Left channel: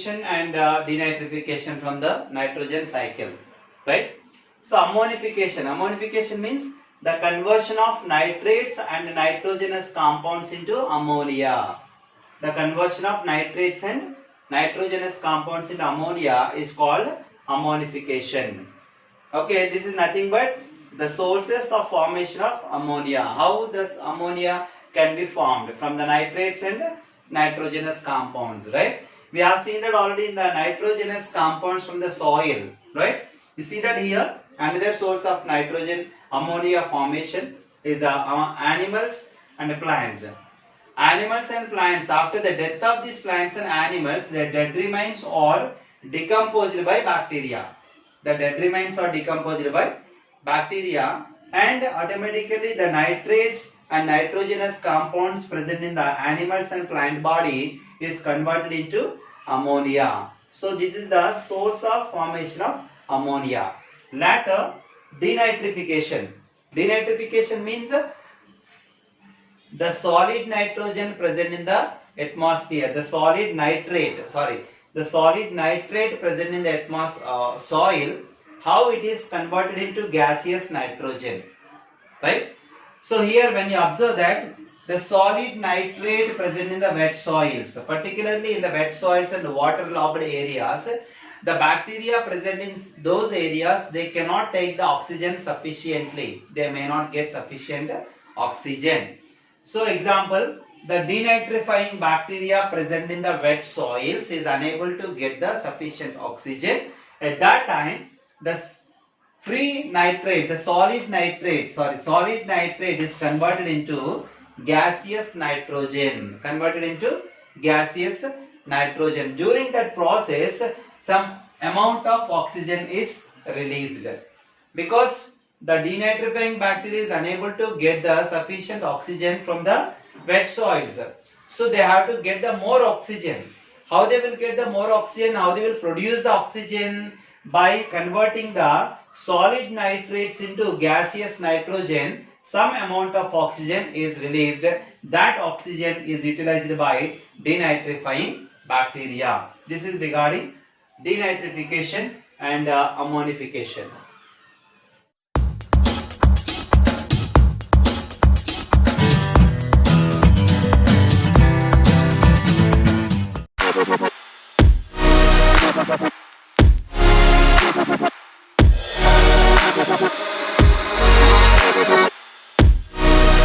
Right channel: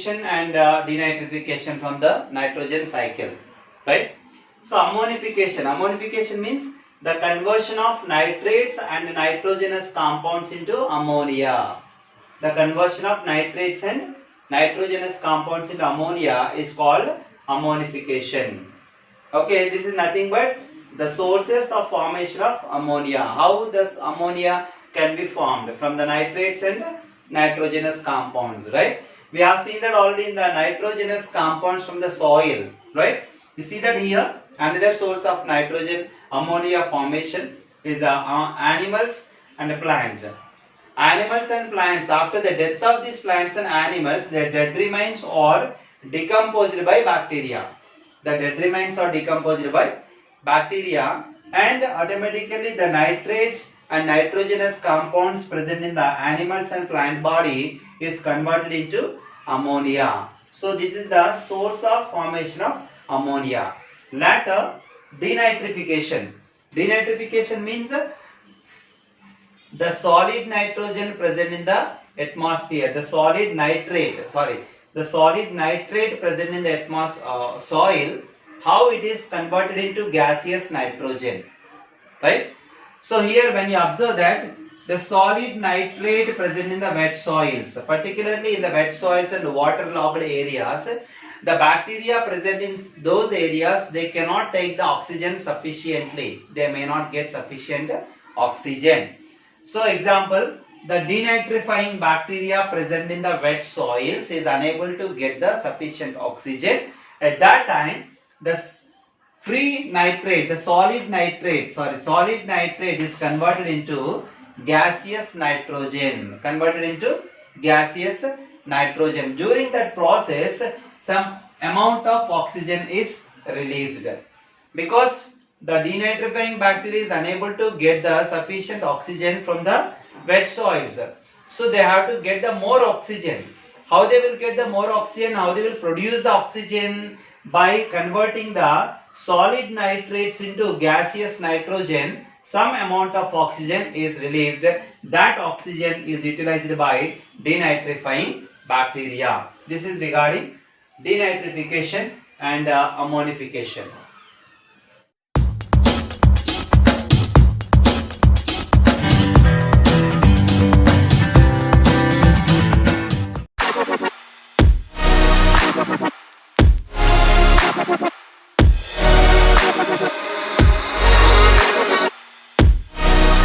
ammonification and denitrification from the nitrogen cycle, right? So ammonification means the conversion of nitrates and nitrogenous compounds into ammonia. The conversion of nitrates and nitrogenous compounds into ammonia is called ammonification. Okay, this is nothing but the sources of formation of ammonia. How does ammonia can be formed from the nitrates and nitrogenous compounds, right? We have seen that already in the nitrogenous compounds from the soil, right? You see that here another source of nitrogen ammonia formation is animals and plants. Animals and plants, after the death of these plants and animals, their dead remains are decomposed by bacteria. The dead remains are decomposed by bacteria, and automatically the nitrates and nitrogenous compounds present in the animals and plant body is converted into ammonia. So this is the source of formation of ammonia. Later, denitrification. Denitrification means the solid nitrogen present in the atmosphere, the solid nitrate present in the soil, how it is converted into gaseous nitrogen, right? So here when you observe that the solid nitrate present in the wet soils, particularly in the wet soils and waterlogged areas, the bacteria present in those areas, they cannot take the oxygen sufficiently. They may not get sufficient oxygen. So example, the denitrifying bacteria present in the wet soils is unable to get the sufficient oxygen. At that time, the solid nitrate is converted into gaseous nitrogen. During that process, some amount of oxygen is released. Because the denitrifying bacteria is unable to get the sufficient oxygen from the wet soils, so they have to get the more oxygen. How they will get the more oxygen? How they will produce the oxygen? By converting the solid nitrates into gaseous nitrogen, some amount of oxygen is released. That oxygen is utilized by denitrifying bacteria. This is regarding denitrification and ammonification.